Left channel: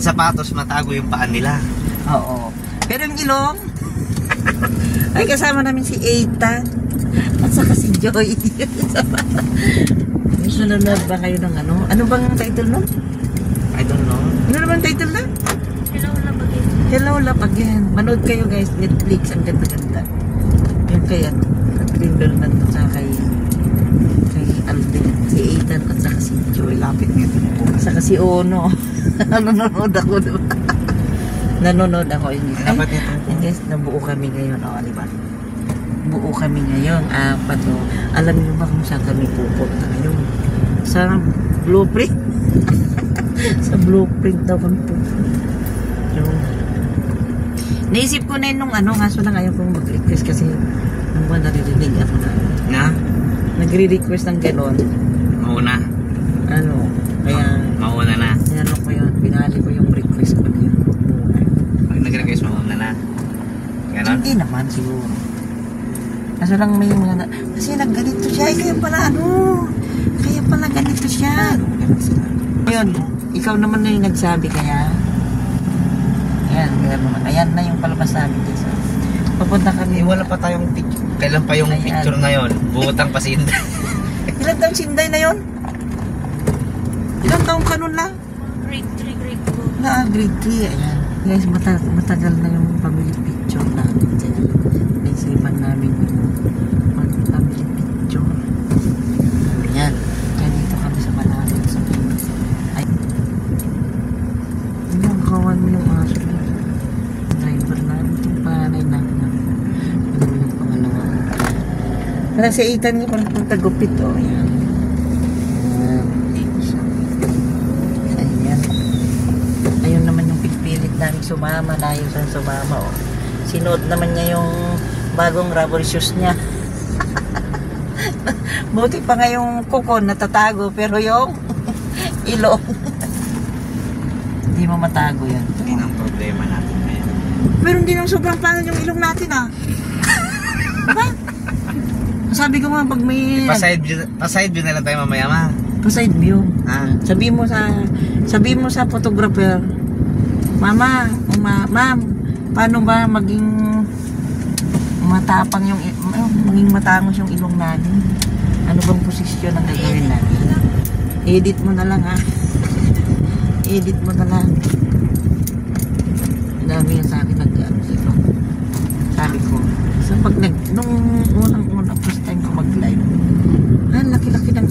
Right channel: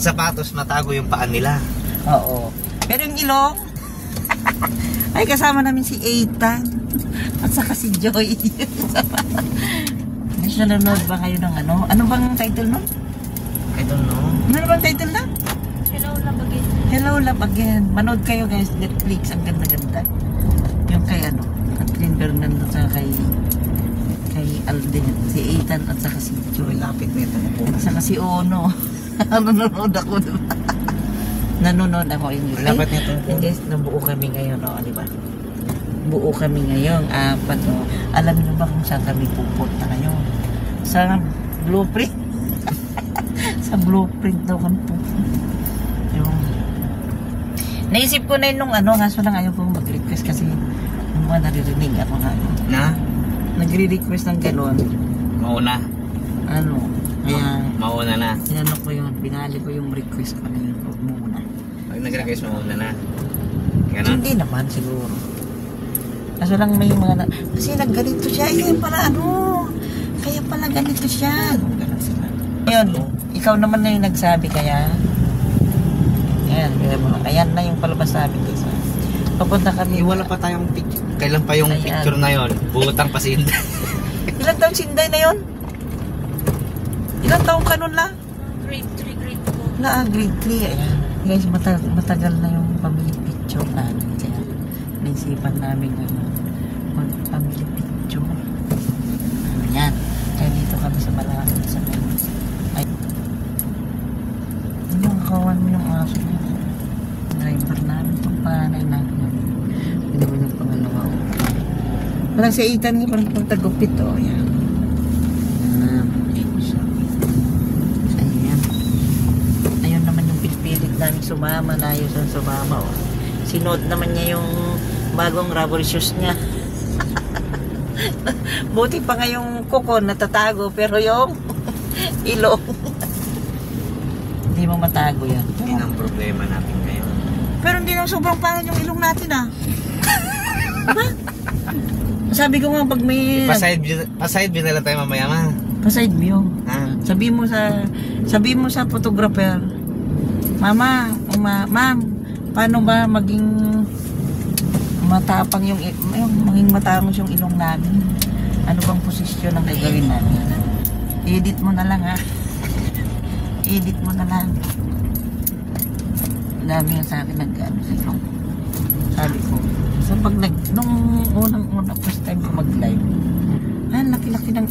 Ang sapatos, matago yung paan nila. Oo. Pero yung ilong, ay kasama namin si Ethan at saka si Joy. Mas nanonood ba kayo ng ano? Ano bang title nun? I don't know. Ano naman title na? Hello, love again. Hello, Love Again. Manood kayo guys, Netflix, ang ganda-ganda. Yung kay ano, Catherine Bernardo sa kay Alden, si Ethan at saka si Joy. Lapit nito na po. Saka si Ono. Nanonood ako, diba? Nanonood ako yung Lapit nito po. guys, nabuo kami ngayon, diba? Buo kami ngayon, apat, Alam niyo ba kung saan kami pupunta ngayon? Sa blueprint. Sa blueprint daw kami pupunta. Yung naisip ko na yun nung kaso lang ayaw kong mag-request kasi nung naririnig ako na nagre-request ng gano'n. Mauna. Kaya Mauna na. inano ko yun, pinali ko yung request ko na yun muna. Pag nag-request, mauna na. Ganon? Hindi naman siguro. Kaso lang may mga kasi nagganito siya, kaya pala ganito siya. Ayun, ikaw naman na yung nagsabi kaya ayan na yung palabas namin kasi papunta kami. Wala pa tayong picture. Kailan pa yung picture na yon? Butang pa si Inday. Ilang taong si Inday na yun? Ilang taong ka nun lang? Grade 3, grade 2. Grade 3. Ayan. Guys, matagal na yung family picture namin. Kaya naisipan namin yung family picture. Ayan. Kaya dito kami sa malapit sa kanya. Ay. Yung kawan mo yung aso na. Driver namin itong panay na. Ano yung pangalawa. Wala si Ethan yung pagtagupit. Ayan. Ayun naman yung pipilit namin sumama. Layo sa sumama. Sinuot naman niya yung bagong rubber shoes niya. Buti pa nga yung kuko natatago. Pero yung ilong hindi mo matago yan. Hindi ang problema natin ngayon. Pero hindi lang sobrang pangit yung ilong natin Diba? Sabi ko nga pag may Pa-side view na lang tayo mamaya, ma. pa-side view. Ha? Sabi mo sa photographer, ma'am, paano ba maging matapang maging matangos yung ilong namin? Ano bang posisyon ang gagawin natin? Edit mo na lang Edit mo na lang. Dami yan sa akin sabi ko. So pag nung unang first time ko mag-live, laki-laki ng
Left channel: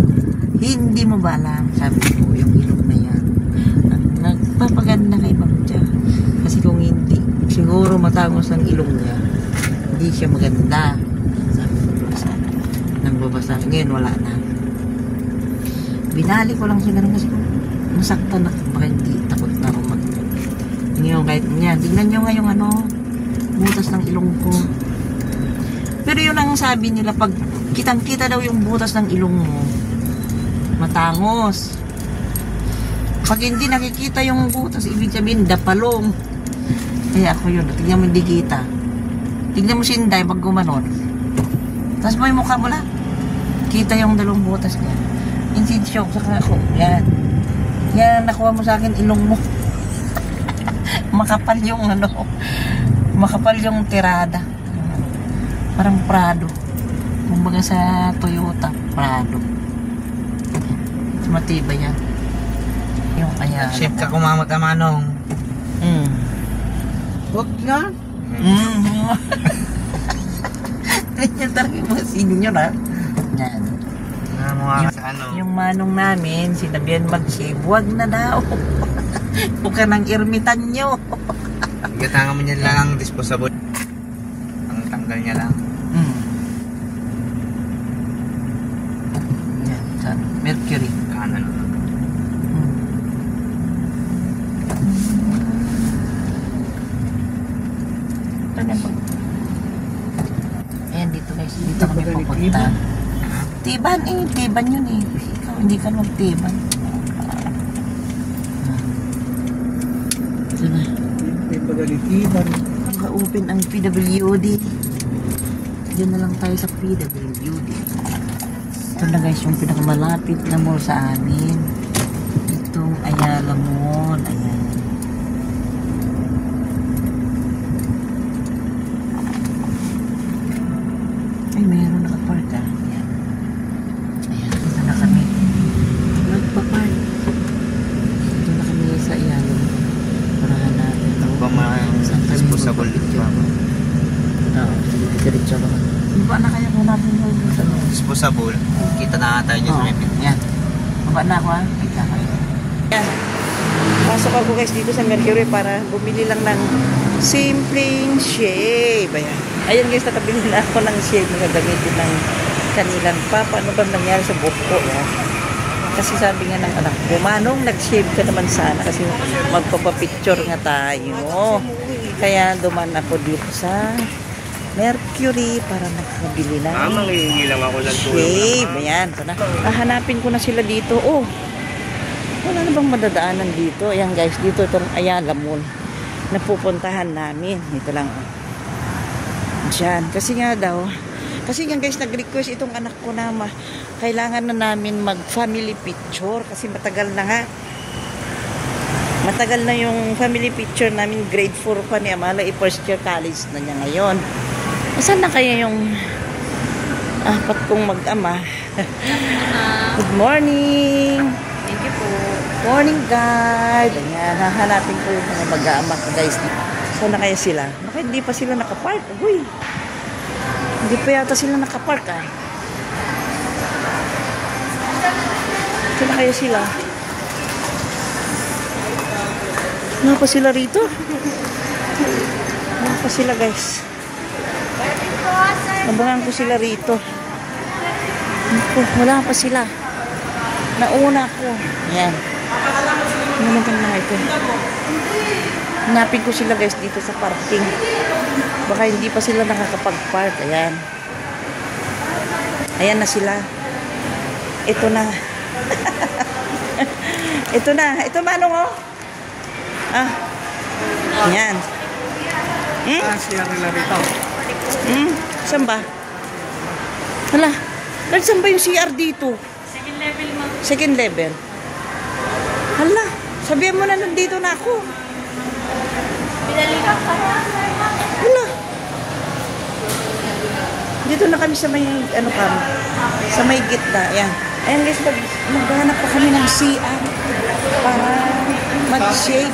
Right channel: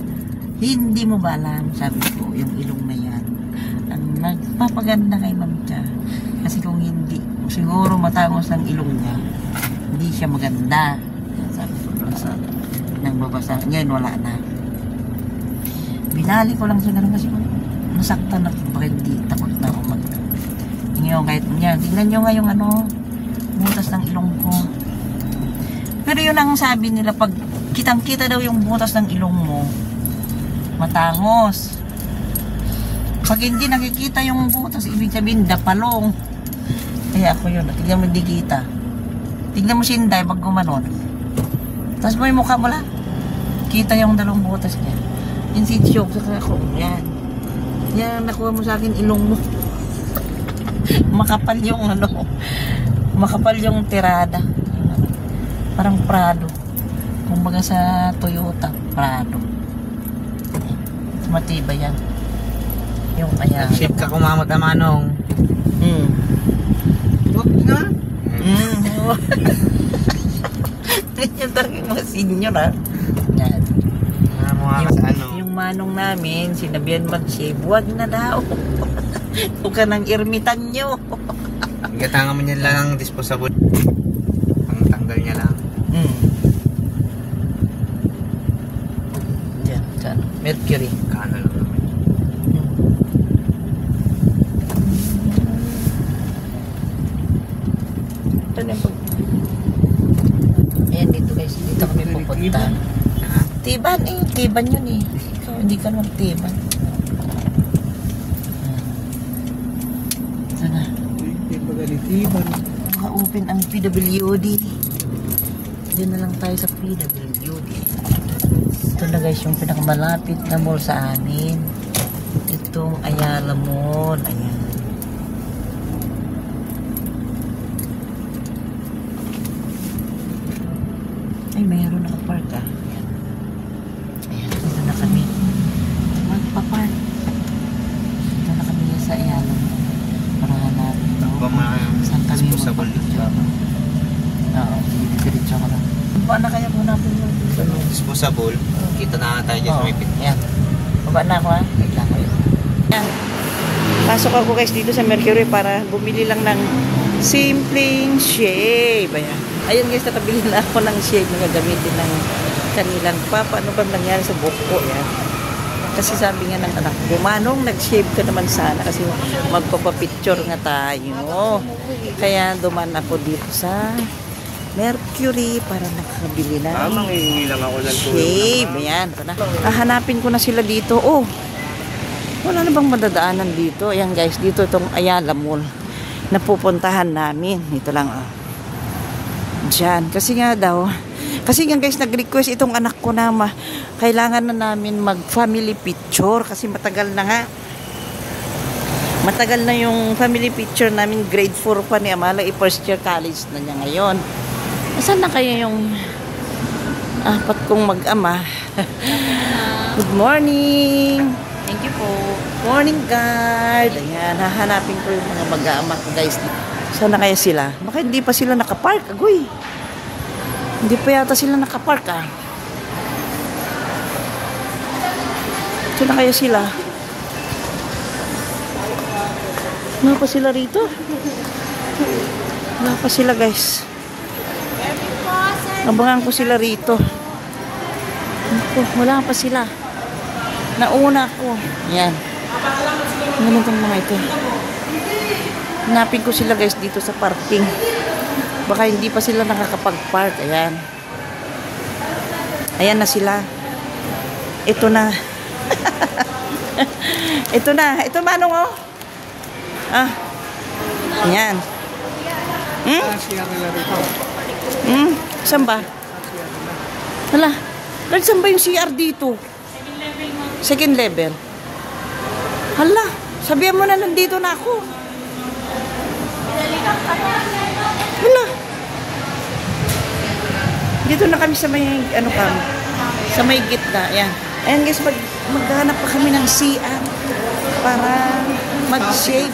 hindi mo ba alam, sabi ko, yung ilong na yan ang nagpapaganda kay Ma'am Cha. Kasi kung hindi, siguro matangos ang ilong niya, hindi siya maganda. Sabi ko nang babasa. Ngayon wala na. Binali ko lang siya ganun kasi kung nasaktan ako, baka hindi, takot na ako mag-live. Ngayon kahit niya, tingnan nyo nga yung butas ng ilong ko. Pero yun ang sabi nila, pag kitang-kita daw yung butas ng ilong mo, matangos. Pag hindi nakikita yung butas, ibig sabihin, dapalong. Kaya ako yun, tignan mo hindi kita. Tignan mo si Inday pag gumanon. Tapos mo yung mukha mo lang. Kita yung dalawang butas niya. Inside shock, saka ako, yan. Yan, nakuha mo sa akin ilong mo. Makapal yung makapal yung tirada. Parang Prado. Kumbaga sa Toyota, Prado. Matibay yan. Yung kaya. Ship ka kumamot amanong. Huwag nga. Yan talaga yung mga senior Yan. Yung manong namin, sinabihan mag-shave, huwag na daw. Huwag ka ng irmitan nyo. Gatangan mo niya lang ang disposable. Ang tanggal niya lang. Yan, saan? Mercury. Kanan lang. Ayan, dito guys. Dito kami pupunta. Tiban tiban yun Ikaw, hindi ka magtiban. Sana. Naka-open ang PWD. Diyan na lang tayo sa PWD. Ito na guys yung pinakamalapit na mall sa amin. Itong Ayala Mall. Ayan. Habang mga disposable. Oo, diretso ka ba? Baba na kaya po natin yung Disposable. Kita na tayo dyan sa may pin. Yan. Baba na ako ha. Yan. Pasok ako guys dito sa Mercury para bumili lang ng simpleng shave. Ayan. Ayan guys, natabili na ako ng shave na gamitin ng kanilang papa. Ano ba nangyari sa buhok ko? Kasi sabi nga ng anak ko, Manong, nag-shave ka naman sana kasi magpapapicture nga tayo. Kaya duman ako dito sa Mercury para nakabili na shave. Ayan. Hahanapin ko na sila dito. Oh, wala na bang madadaanan dito? Ayan guys, dito itong Ayala Mall na pupuntahan namin. Ito lang oh. Diyan. Kasi nga guys, nag-request itong anak ko na kailangan na namin mag-family picture kasi matagal na nga. Matagal na yung family picture namin, grade 4 pa ni Amala, first year college na niya ngayon. Saan na kaya yung apat kong mag-ama? Good morning! Thank you po. Morning guard! Ayan, hahanapin ko yung mga mag-ama guys. Saan na kaya sila? Bakit hindi pa sila nakapark? Agoy! Hindi pa yata sila nakapark ah. Saan na kaya sila? Wala pa sila rito? Wala pa sila guys. Abangan ko sila rito. Wala pa sila. Nauna ko. Ayan. Ano naman itong mga ito? Hanapin ko sila guys dito sa parking. Baka hindi pa sila nakakapag-park. Ayan. Ayan na sila. Ito na. Ito na. Ito Manong oh. Ah. Ayan. Saan ba? Hala. Saan ba yung CR dito? Second level mo. Second level. Hala. Sabihan mo na nandito na ako. Hala. Dito na kami sa may ano kami. Sa may gitna. Ayan. Ayan guys, maghanap pa kami ng CR para mag-shave.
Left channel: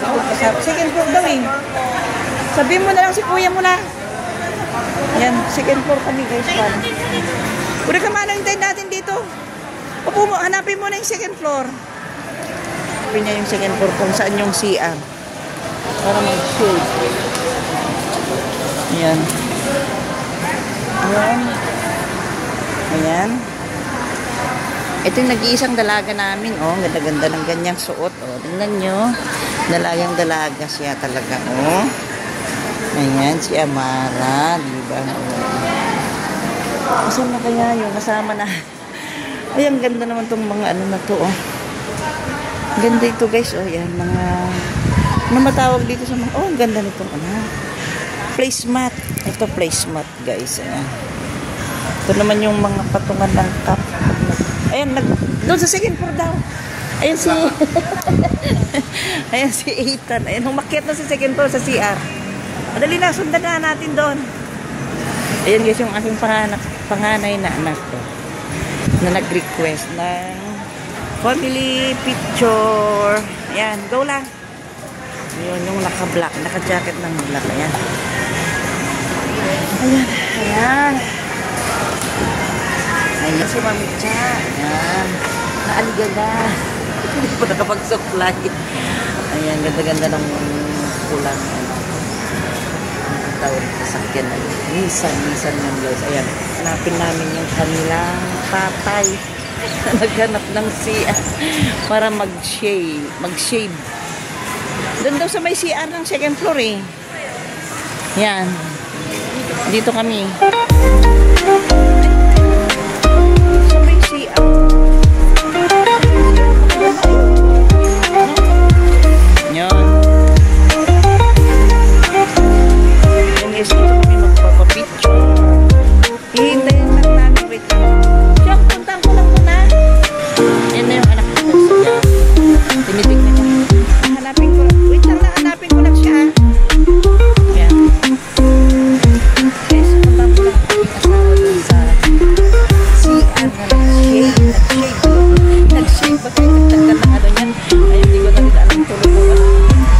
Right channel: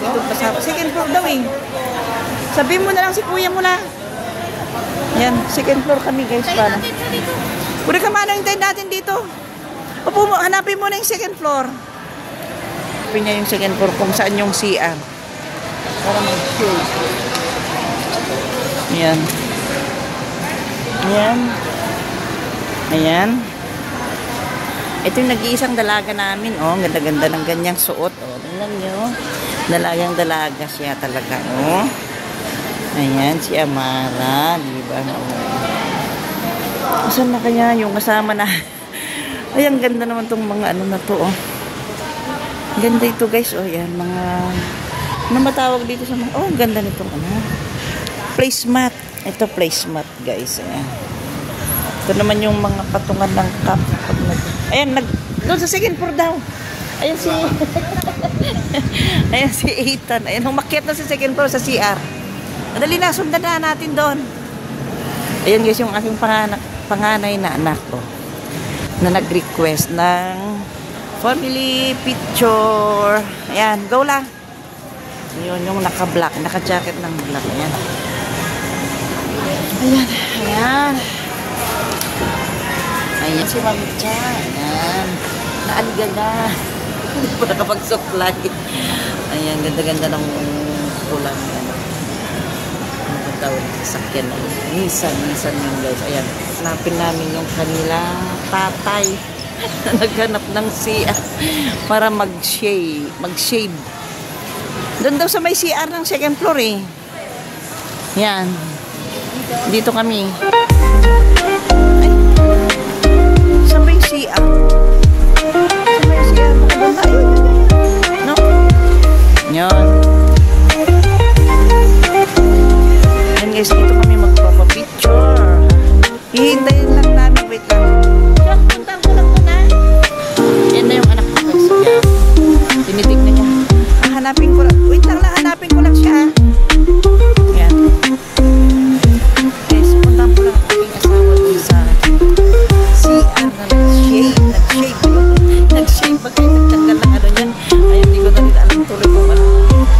Second floor daw eh. Sabihin mo na lang si kuya mo na. Yan, second floor kami guys. Para. Pura ka man, hintayin natin dito. Opo mo, hanapin mo na yung second floor. Hanapin niya yung second floor kung saan yung CR. Para mag-shave. Ayan. Ayan. Ayan. Ito yung nag-iisang dalaga namin. Oh, ganda-ganda ng ganyang suot. Oh, tingnan nyo. Dalagang dalaga siya talaga. Oh. Ayan, si Amara. Diba? Saan na kaya yung kasama na? Ay, ang ganda naman tong mga ano na to. Oh. Ganda ito guys. Oh, yan. Mga ano matawag dito sa mga... Oh, ang ganda nito. Placemat. Ito placemat guys. Ayan. Ito naman yung mga patungan ng top. Ayan, doon sa second floor daw. Ayan si... Ayan si Ethan. Ayan, umakyat na sa second floor sa CR. Madali na, sundan na natin doon. Ayan guys, yung aking panganay na anak ko. Na nag-request ng family picture. Ayan, go lang. Yun, yung naka-black, naka-jacket ng black. Ayan. Ayan, ayan. Ayan si Mami Cha. Ayan. Naaligada. Hindi pa nakapag-supply. Ayan, ganda-ganda ng kulang. Sakyan. Nisan yung guys. Ayan. Hanapin namin yung kanilang tatay. Naghanap ng CR para mag-shade. Doon daw sa may CR ng second floor eh. Ayan. Dito kami. Sa may CR. Yan. Yan guys, dito kami magpapapicture. Hihintayin lang namin. Wait lang. Punta ko lang muna. Yan na yung anak ko guys. Tinitignan lang. Hanapin ko lang. Wait lang, hanapin ko lang siya. Yan. Guys, punta ko lang. Kasama sa CR nag-shave. Nag-shave. Magkakagdag ng ano yan. Ayun, di ba ito nila ang tuloy ko ba?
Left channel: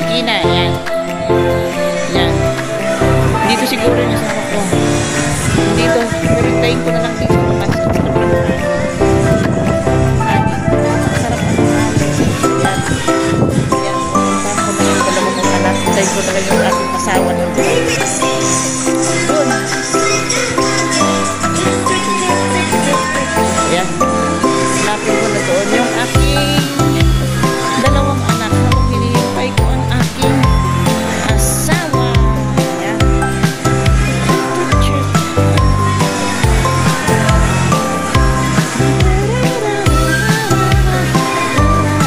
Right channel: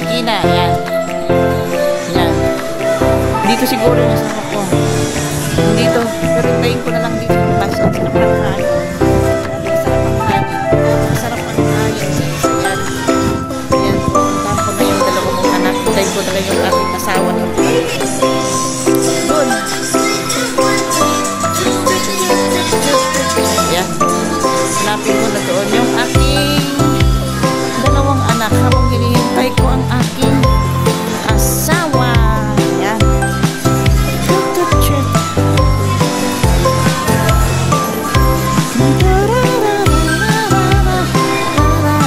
Kina, yan. Yan. Dito siguro masarap ko. Dito, kapitayin ko na lang dito. Masarap ko na lang. Masarap ko na lang. Yan. Yan. Anak ko na yung aking kasama nito. Yan. Lapin ko na doon yung aking dalawang anak habang hinihintay ko ang aking asawa. Yan.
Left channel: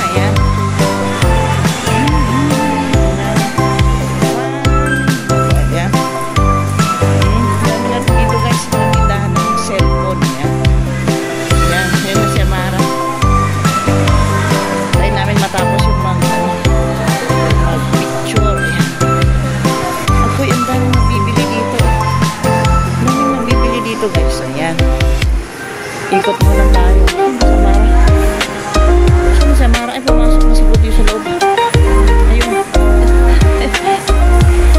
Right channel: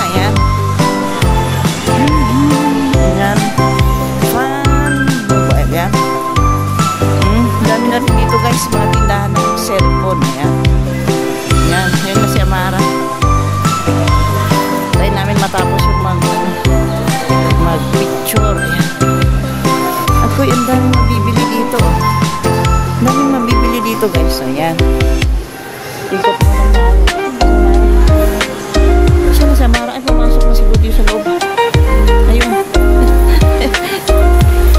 Ayan. Ayan. Ayan. Ganda dito guys, mga tindahan ng cellphone. Ayan. Ayan. Ayan na si Amara. Tayo namin matapos yung mga picture. Ayan. Ako yung daming nabibili dito. Daming nabibili dito guys. Ayan. Ikot mo lang natin. Saan si Amara? Ay, pumasok na siguro dito sa loob. Ayun.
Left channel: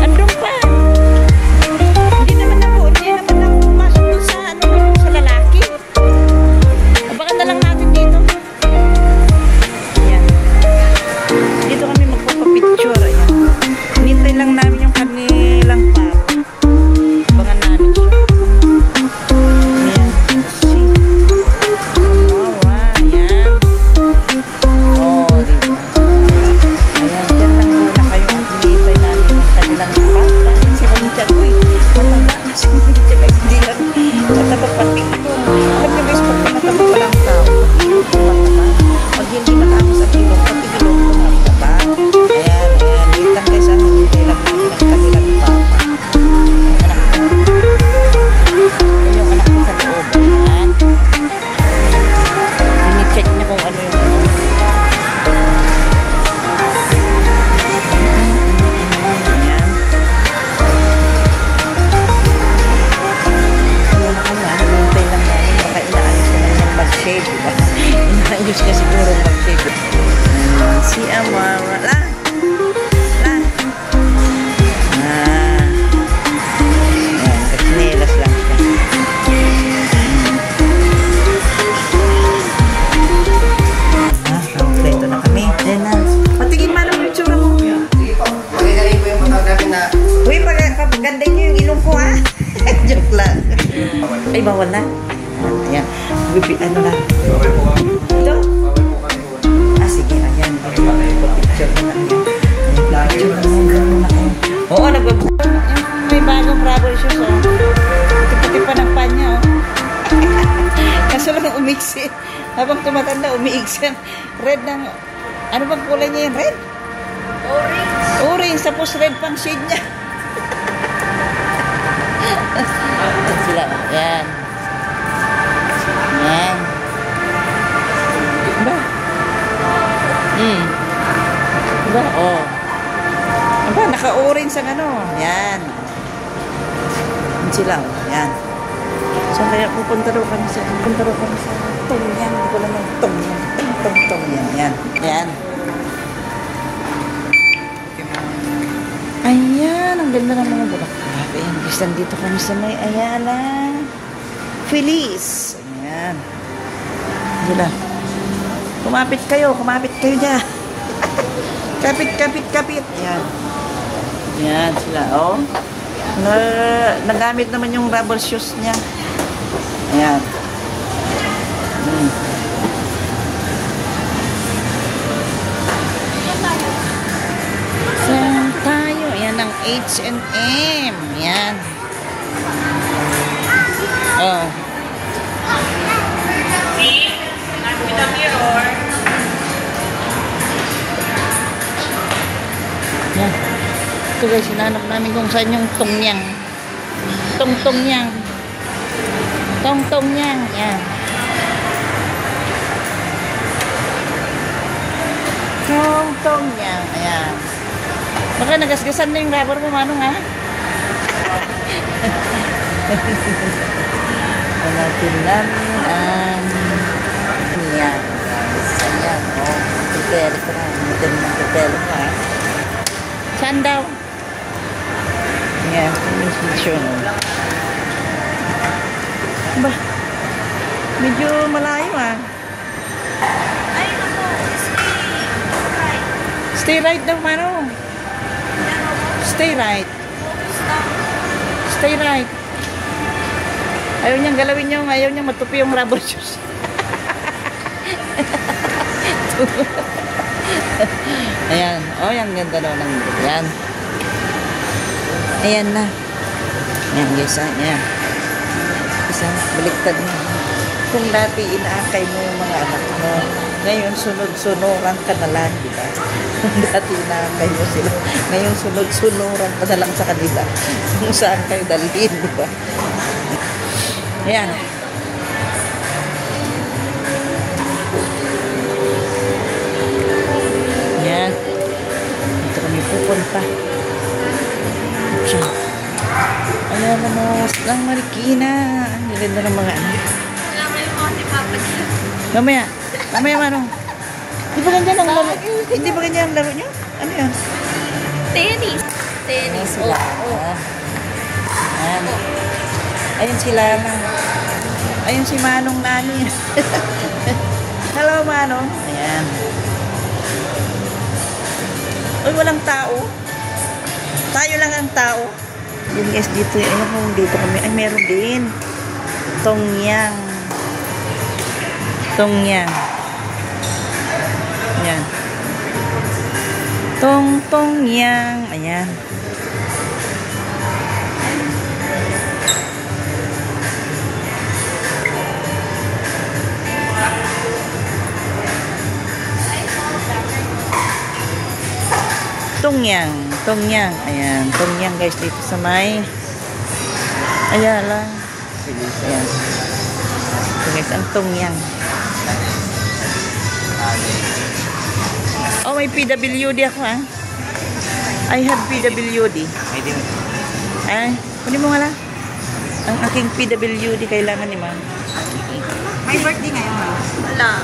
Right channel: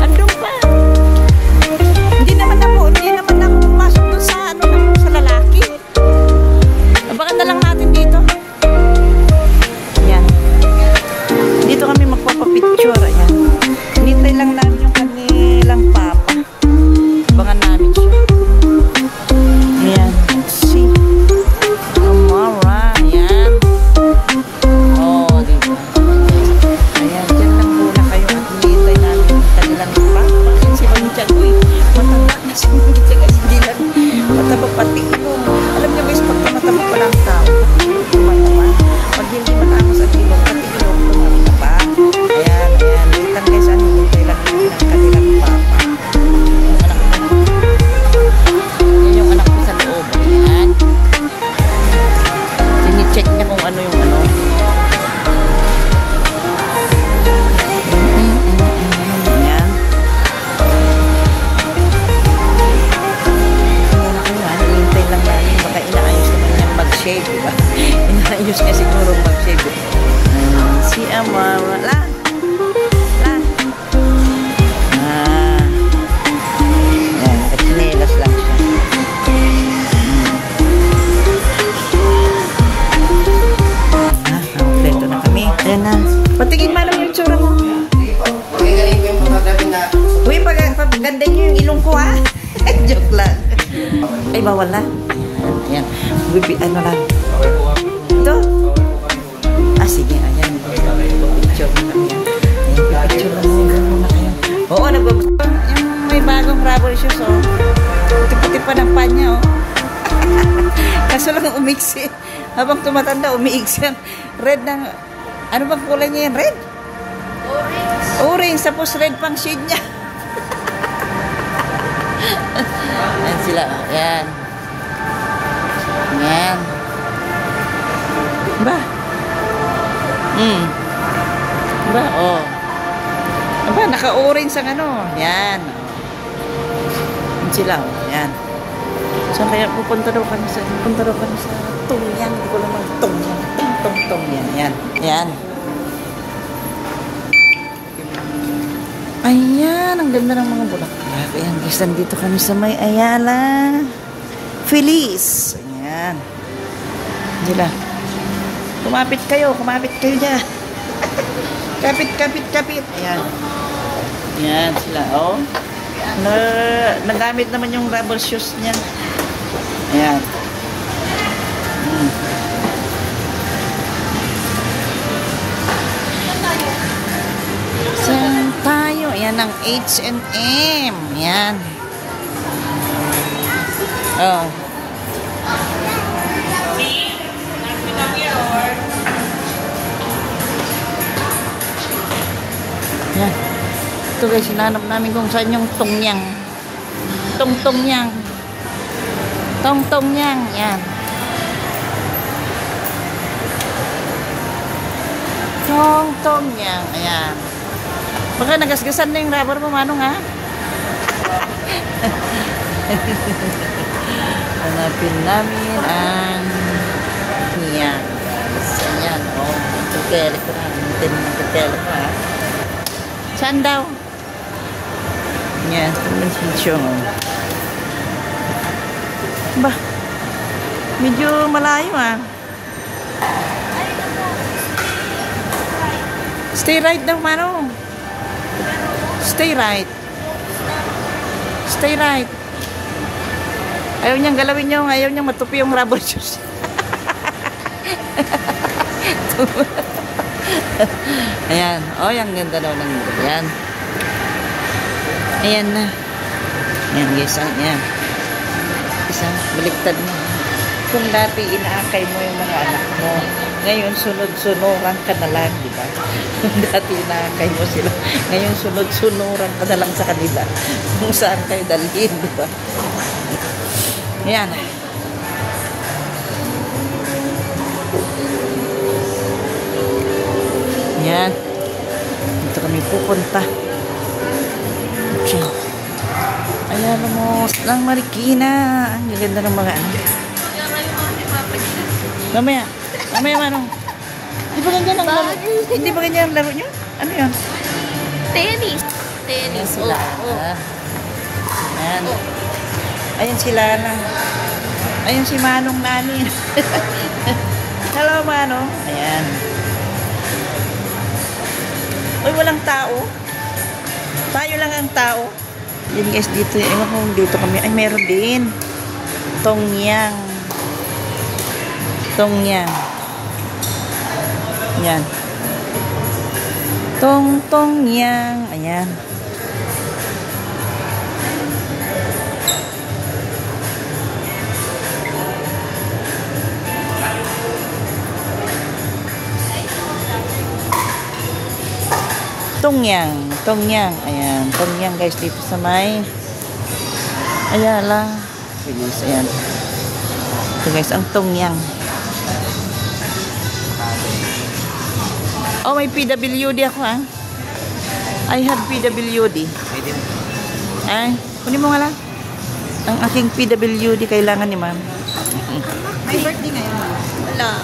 Andun pa. Hindi naman na pumasok doon sa, sa lalaki. Baka na lang natin dito. Ayan. Dito kami magpapapicture. Ayan. Hinintay lang namin yung kanilang papa. Abangan namin siya. Ayan. See. Amara. Ayan. Oh, dito. Ayan. Diyan lang muna kayo. Hinintay namin yung kanilang papa. Ayan si Mancha. Uy. Matanda na si Mancha guys. Hindi lang. Matabak pati. Alam niyo guys, pag matabak ka lang tao. Pag hindi matapos sa tibok. Diba? Ayan. Ayan. Dito lang guys. Hinintay lang namin ang kanilang papa. Yung anak ko sa loob. Ayan. Ini-check niya kung ano yung ano. Ayan. Hintay lang natin. Inaayos na niyang mag-shave. Inaayos niya siguro mag-shave. Si Amara. La! La! Ah. Ayan. Nakinilas lang siya. Dito na kami. Ayan na. Patingin man ang itsura mo. Pagkakain ko yung pagkakain natin na Uy, pagaganda niyo yung ilong ko ha. Joke lang. Ay, bawal na. Ayan. Ano lang. Ito. Ah, sige. Ayan. Oo, nababuka. Yung may bagong rubber shoes. Tipa-tipa ng panya. Kaso lang umiksi. Habang tumatanda, umiiksi. Red ng... Ano bang kulay niya yan? Red? Orange. Tapos red pang shade niya. Ayan sila. Ayan. Ayan. Ba? Ba? Oh. Aba, naka-orange ang ano. Ayan. Ayan sila. Ayan. Saan kaya pupunta raw kami sa Tongyang. Ako naman Tongyang. Tongyang. Ayan. Ayan. Ayan. Ang ganda ng mga bulaklak. Ayan. Guys, nandito kami sa may Ayala. Feliz. Ayan. Hindi na. Kumapit kayo dyan. Kapit. Ayan. Ayan sila, oh. Nagamit naman yung rubber shoes niya. Ayan. Saan tayo? Ayan ang H&M. Ayan. Oh. Ayan. Ito guys, hinanap namin kung saan yung Tongyang. Tongyang. Tongyang. Ayan. Tongyang. Ayan. Baka nagasgasan na yung rubber mo, Manong, ha? Hanapin namin ang Ayan. Ayan. Oh, hotel. Hotel na hotel, ha? Saan daw? Yan, medyo. Ba? Medyo malayo ah. Ay, ano, Stay right daw, Mano. Stay right. Stay right. Ayaw niyang galawin yung, ayaw niyang matupi yung rubber shoes. Ayan. Oh, yan. Ganda naman. Ayan. Ayan na. Ayan, guys. Ayan. Isang liktad mo. Kung dati inaakay mo yung mga anak mo, ngayon sunod-sunuran ka na lang, diba? Dati inaakay mo sila. Ngayon sunod-sunuran ka na lang sa kanila. Kung saan kayo dalhin, diba? Ayan. Ayan. Dito kami pupunta. Okay. Ayan mo. Lang Marikina. Ang ganda ng mga ano. Alam mo yung mga si Papa niya. Mamaya. Mamaya, Manong. Di ba ganyan ang laro? Hindi ba ganyan ang laro nyo? Ano yun? Tennis. Tennis. Sila. Ayan. Ayun si Lala. Ayun si Manong Nani. Hello, Manong. Ayan. Uy, walang tao. Tayo lang ang tao. Yan guys, dito. Ewan ko, dito kami. Ay, meron din. Tongyang. Tongyang. Ayan. Tongyang. Ayan. Tongyang. Tongyang. Ayan. Tongyang guys dito sa may Ayala. Ayan. Ito guys ang Tongyang. Oh, may PWD ako ah. I have PWD. Ay, ano mo nga lang? Ang aking PWD kailangan ni ma'am. May birthday ngayon. Wala.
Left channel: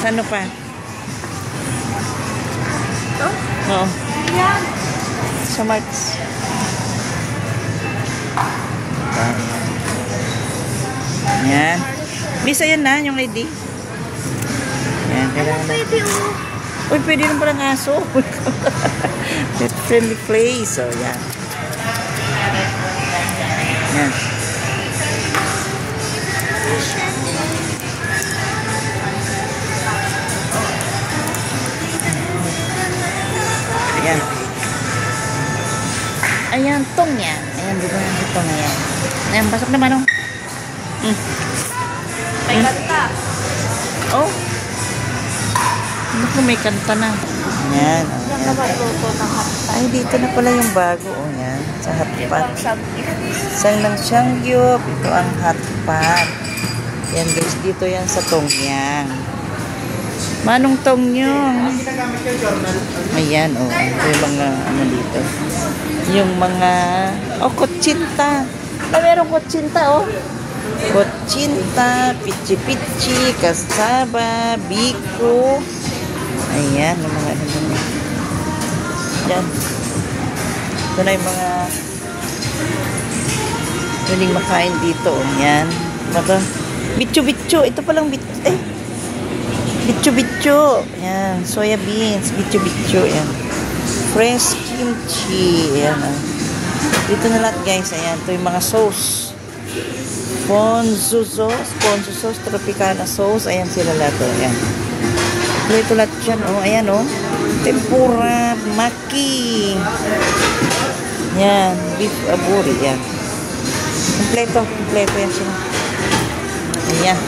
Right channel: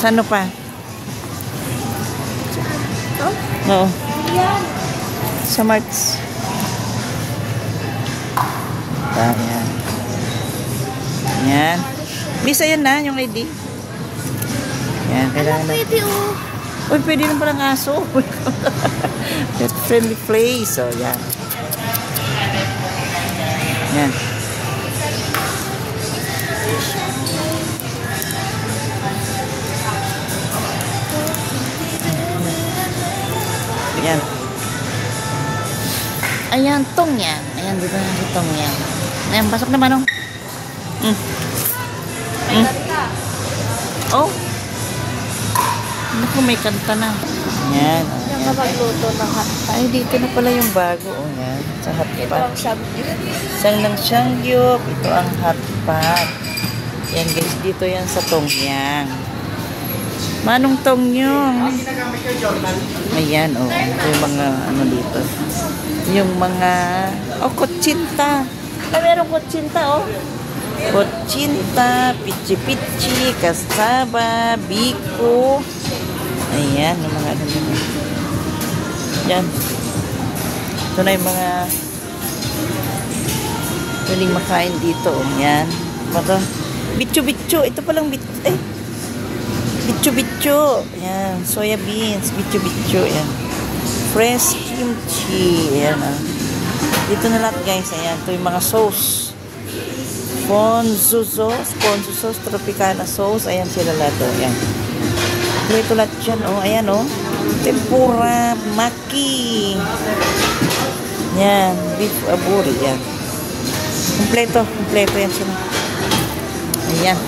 Saan pa? Oo. Yan. Sa March. Ayan. Ayan. Lisa yan na, yung lady. Ayan, kailangan na. Pwede oh. Uy, pwede rin palang aso. Friendly place. So, yan. Yan. Ayan. Ayan, Tongyang. Ayan, dito yan si Tongyang. Ayan, pasok naman, oh. May kanta. Oh. Ano may kanta na. Ayan. Diyan ka ba tuto ng hanta? Ay, dito na pala yung bago. O, yan. Sa Ito hotpot. ang sabi. Sang ng Shangyup. Ito ang hotpot. Yan, guys. Dito yan sa Tongyang. Manong Tongyong. Ayan, o. Ito yung mga, ano dito. Yung mga, kutsinta. Merong kutsinta oh. Kutsinta, pichi-pichi, kasaba, biko. Ayan, yung mga yan. Ito na yung mga piling makain dito. Yan. Ito, bitcho-bitcho. Ito palang bitcho-bitcho. Yan, soya beans, bitcho-bitcho. Yan. Fresh kimchi. Ayan, dito na lahat guys. Ayan, ito yung mga sauce. Ponzu sauce, Tropicana sauce. Ayan sila lahat. Ayan. Ito lahat dyan. Oh, ayan oh. Tempura, maki. Yan, beef aburi. Yan. Kompleto yan sila. Ayan.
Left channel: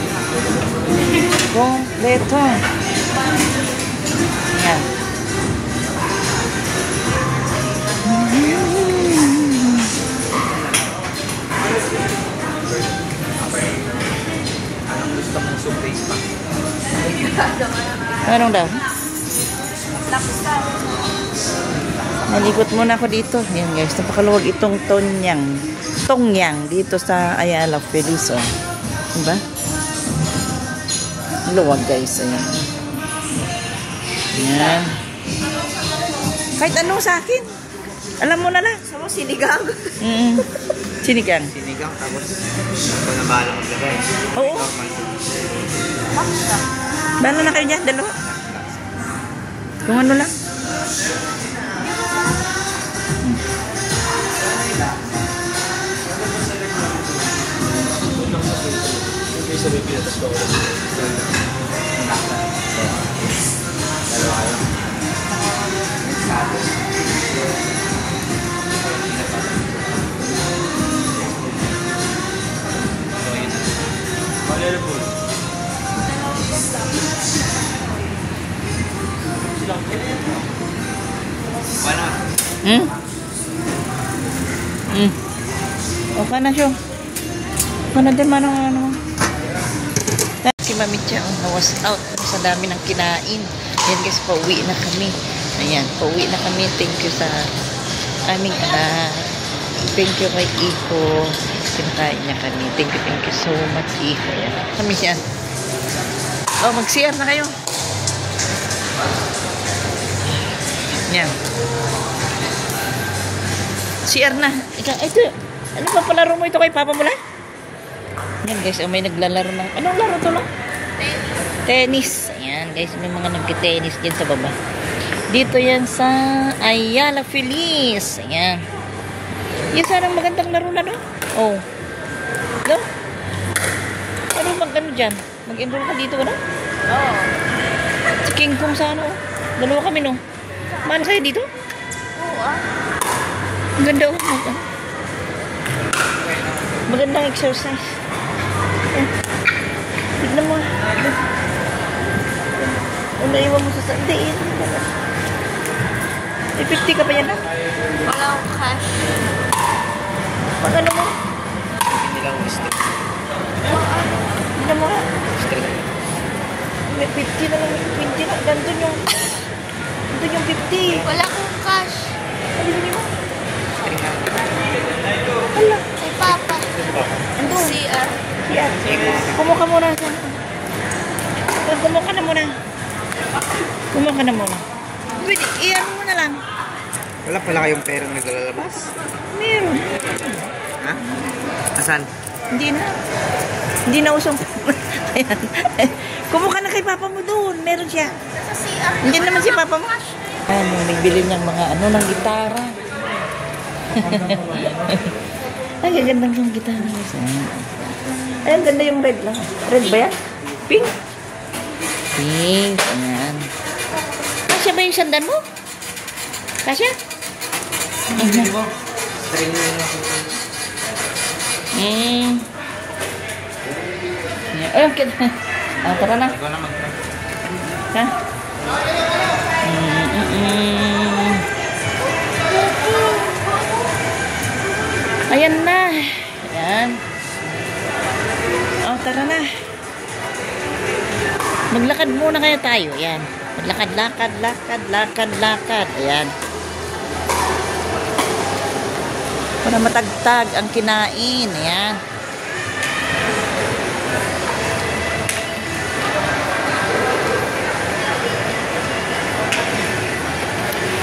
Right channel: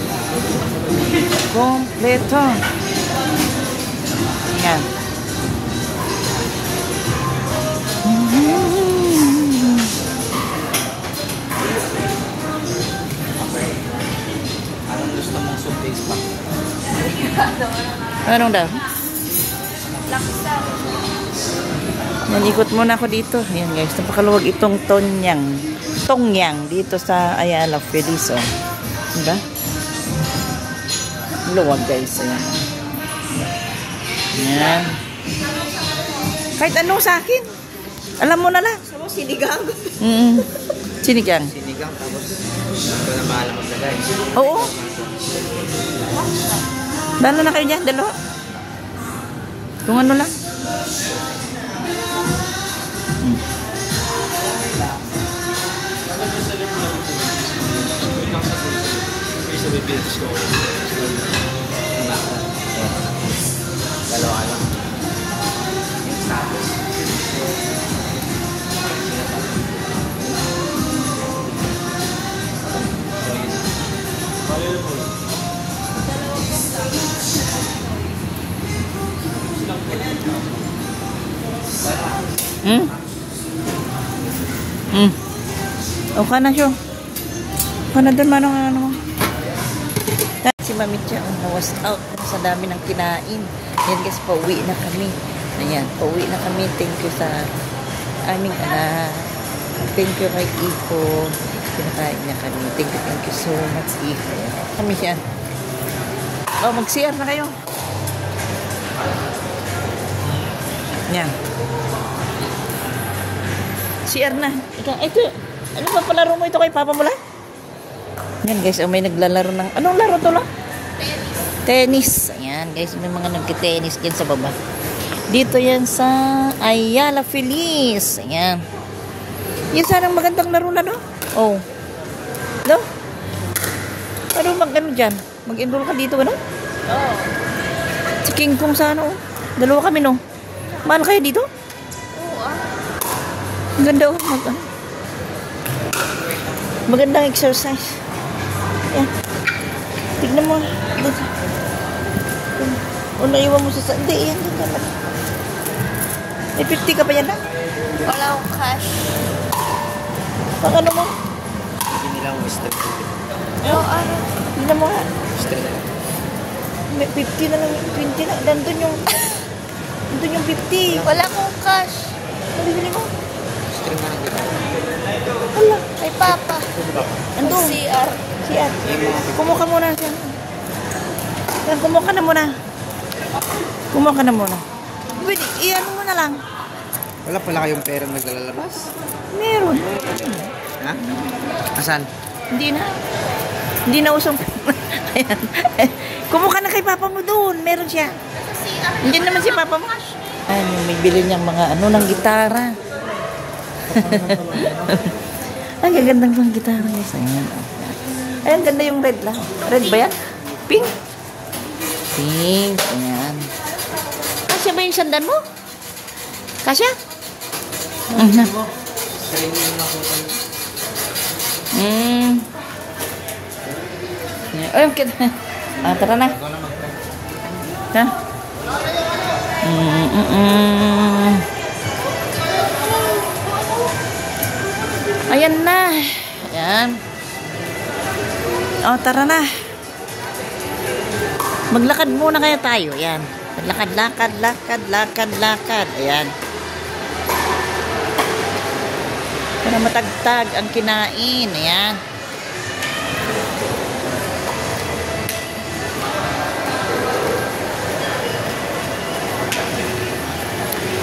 Kompleto. Yan. Anong daw? Nalipot muna ako dito. Ayan guys, napakaluwag itong Tongyang dito sa Ayala Feliz. Oh. Diba? Luwag guys. Ayan. Ayan. Kahit ano sa akin. Alam mo na lang. So, sinigang. Sinigang. Sinigang, tapos mga balang na na. Oo. Bala na kayo dyan, dalawa. Kung ano lang. Dalawa lang. O ka na siya. Ano din ano. Si Mami Cha was out sa dami ng kinain. Yan guys, pauwi na kami. Ayan, pauwi na kami. Thank you sa aming thank you kay Iko. Pinakain niya kami. Thank you so much, Iko. Kami siya. Oh, mag-CR na kayo. Yan. CR na. Ito. Ano ba palaro mo ito kay Papa mo lang? Yan guys, may naglalaro ng... Anong laro to lang? Tennis. Ayan guys, may mga nagki-tennis din sa baba. Dito yan sa Ayala Feliz. Ayan. Yan sana magandang laro na, no? Oh. No? Ano mag-ano dyan? Mag-enroll ka dito, ano? Oo. Si King Kong sa ano? Dalawa kami, no? Mahal kayo dito? Oo, ah. Ganda, oh. Magandang exercise. Yan. Tignan mo. O, naiwan mo sa sandi. Yan. May 50 ka pa yan, ha? Wala akong cash. Pag ano mo? Hindi lang gusto. Hindi na mo. May 50 na lang. 20 na. Nandun yung 50. Wala akong cash. Nabibili mo. Wala. Kay Papa. Andun. CR. Siya. Kumuha ka muna. Kumuha ka na muna. Kumuha ka na muna. Pwede, iyan mo na lang. Wala pala kayong perang naglalabas? Meron. Ha? Asan? Hindi na. Hindi na usong. Ayan. Kumuha ka na kay Papa mo doon. Meron siya. CR. Hindi naman si Papa mo. Ay, bibili niyang mga ano ng gitara. Ay, gagandang yung gitara. Ayan. Ay, ang ganda yung red lang. Red ba yan? Pink? Pink. Ayan. Kasya ba yung sandan mo? Kasya? Ay, ang ganda. Tara na. Ikaw na mag- Ha? Ayan na. Ayan. O, tara na. Maglakad muna kaya tayo. Ayan. Lakad. Ayan. Para matagtag ang kinain. Ayan.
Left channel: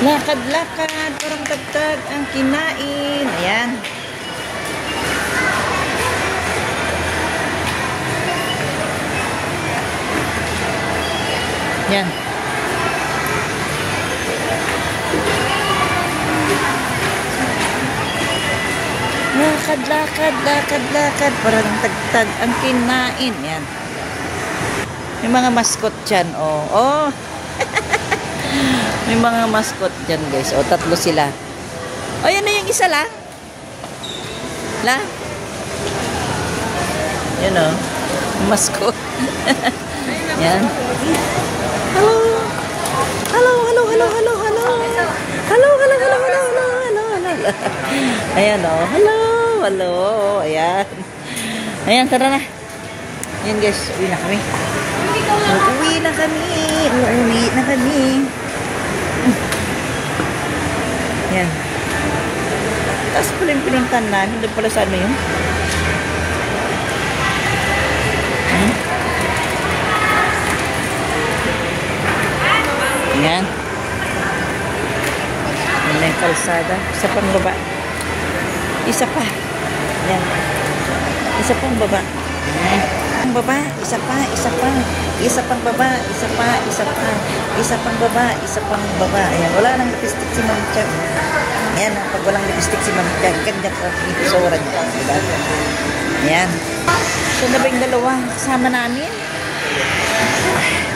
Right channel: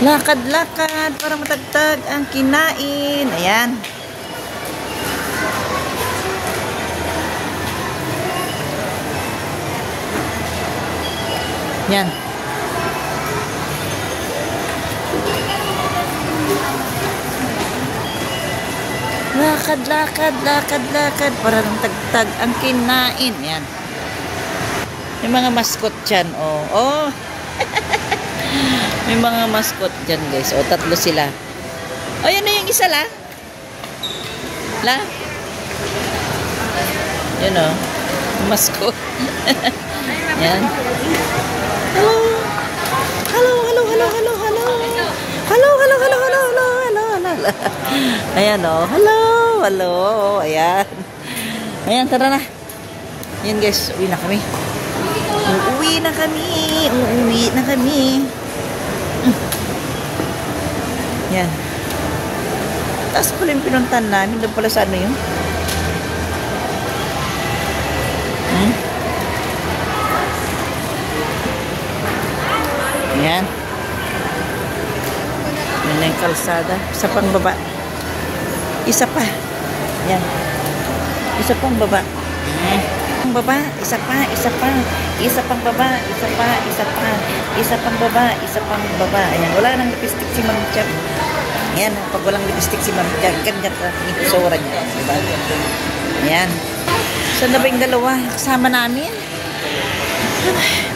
Lakad para matagtag ang kinain. Ayan. Yan. Lakad para matagtag ang kinain. Yan. May mga mascot dyan. Oh. May mga mascot dyan guys. O, tatlo sila. O, yan na yung isa la. Yan o. Mascot. Yan. Hello. Ayan o. Hello. Ayan. Ayan, tara na. Yan guys. Uwi na kami. Yan. Taas ko rin pinuntahan namin. Doon pala sa ano yun? Yan. kalsada. Isa pang baba. Isa pa. Yan. Isa pang baba. Yan. Ang baba, isa pa, isa pa. Isa pang baba, isa pa, isa pa. Isa pang baba, isa pang baba. Ayan, wala nang lipstick si Ma'am Chef. Ayan, pag walang lipstick si Ma'am Chef, ganyan ang ipsora niya. Ayan. So na ba yung dalawa? Kasama namin.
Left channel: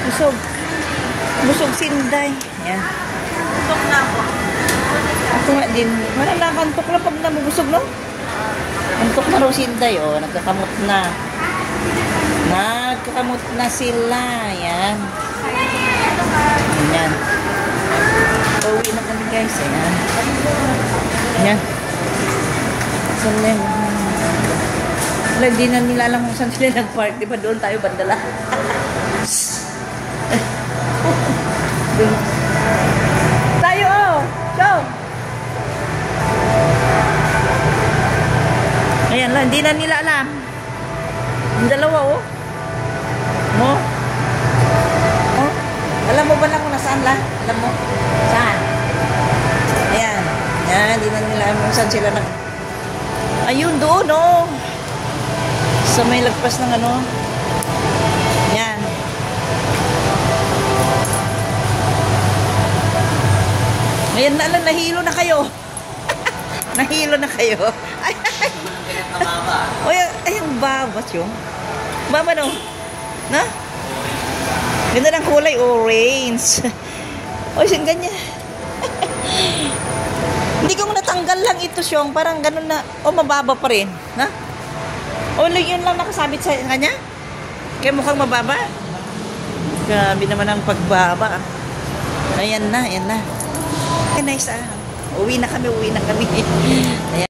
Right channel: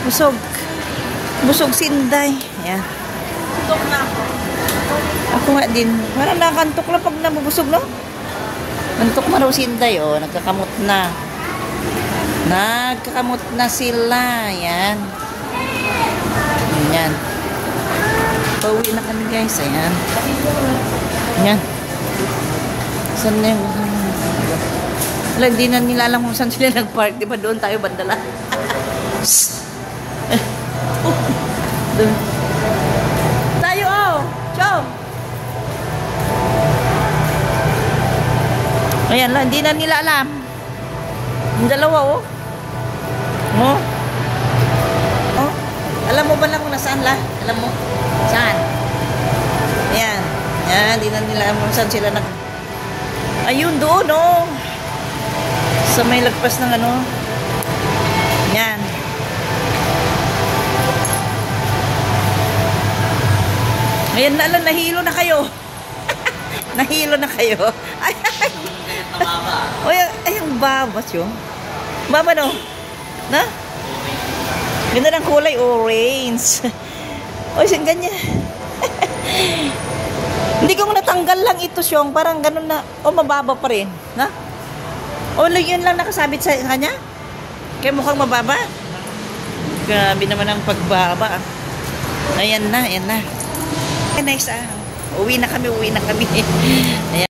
Busog. Busog sinday. Ayan. Ako nga din. Wala nakantok na pag namubusog, no? Antok na nung sinday, oh. Nagkakamot na. Nagkakamot na sila. Ayan. Ayan. Bawi na kami, guys. Ayan. Ayan. Saan na yung... Wala, hindi na nila alam kung saan sila nag-park. Diba doon tayo bandala? Tayo, oh! Chong! Ayan lang, hindi na nila alam. Yung dalawa, oh. Mo? Oh? Alam mo ba lang kung nasaan lang? Alam mo? Saan? Ayan. Ayan, hindi na nila alam kung saan sila nag... Ayun, doon, oh. Sa may lagpas ng ano. Ayan. Ngayon na alam, nahilo na kayo. Nahilo na kayo. Ay, ay, ang babas yun. Baba no? Na? Ganda ng kulay, orange. O, siyang ganyan. Hindi ko natanggal lang ito siyong. Parang ganun na. O, mababa pa rin. Na? O, yun lang nakasabit sa kanya? Kaya mukhang mababa. Grabe naman ang pagbaba. Ayan na, ayan na. Nice, ah. Uwi na kami, uwi na kami. Ayan.